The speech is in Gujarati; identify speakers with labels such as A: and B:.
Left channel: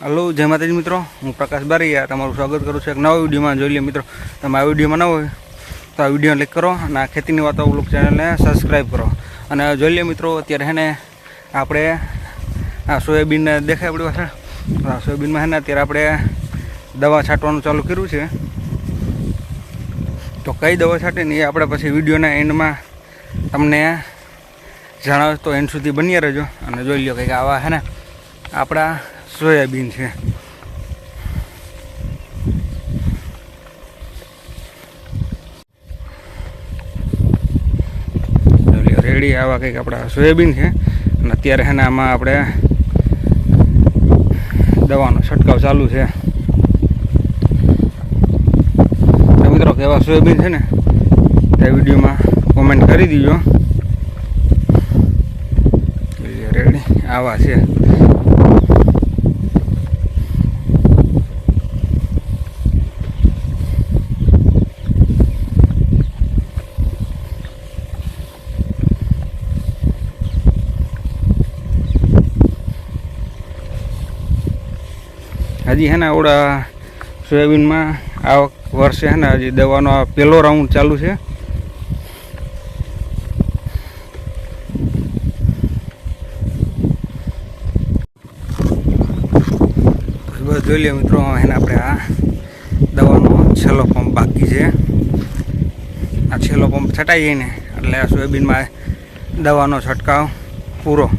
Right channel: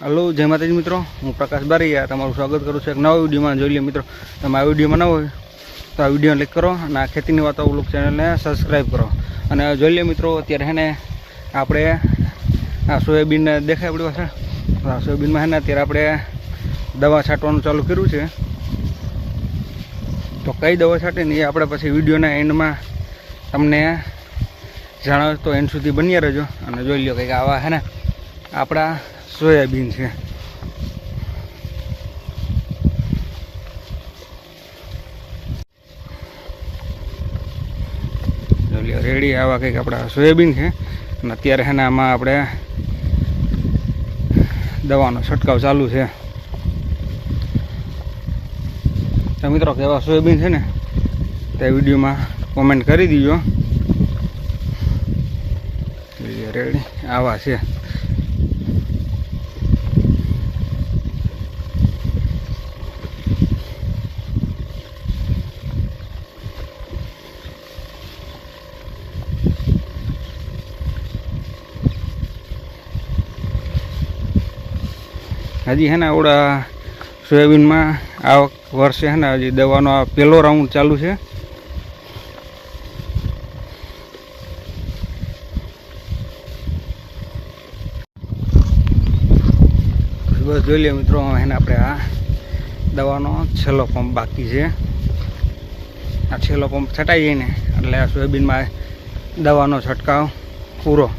A: હલો, જય માતાજી મિત્રો. હું પ્રકાશ બારીયા. તમારું સ્વાગત કરું છું એક નવા વિડીયોમાં. જોઈ લઈએ મિત્રો, તમે આ વિડીયોમાં ન હોય તો આ વીડિયો લાઈક કરો અને આ ખેતીની વાતો બ્લોગ ચેનલને સબસ્ક્રાઈબ કરો. અને જોઈ લઈએ મિત્રો, અત્યારે હે ને આપણે આ સોયાબીનને દેખાય આપણી પાસે આ સોયાબીનમાં હે ને અત્યારે આપણે દવા છાંટવાનું ચાલુ કર્યું છે. તો કઈ દવા છાંટે ને એ આપણે પછી વિડીયોના એન્ડમાં તમને જણાવે તો એન્ડ સુધી બન્યા રહેજો. અને જોઈ લો કંઈક આવા હે ને આપણા સોયાબીન છે. રેડી આવા કંઈક આપણા સોયાબીન છે. અને અત્યારે છે ને આમાં આપણે દવાનો છંટકાવ ચાલુ છે. મિત્રો, કેવા સોયાબીન છે ને? તે વિડીયોમાં કોમેન્ટ કરી દીજો. રેડી, આવા છે. હજી હે ને સોયાબીનમાં આ વર્ષે હે ને હજી દવાનો આ પહેલો રાઉન્ડ ચાલુ છે. બસ જોઈ લઈએ મિત્રો એને આપણે આ દવાનો છેલ્લો પંપ બાકી છે. આ છેલ્લો પંપ છટાઈ જાય ને, એટલે આ સોયાબીનમાં દવાનો છંટકાવ પૂરો.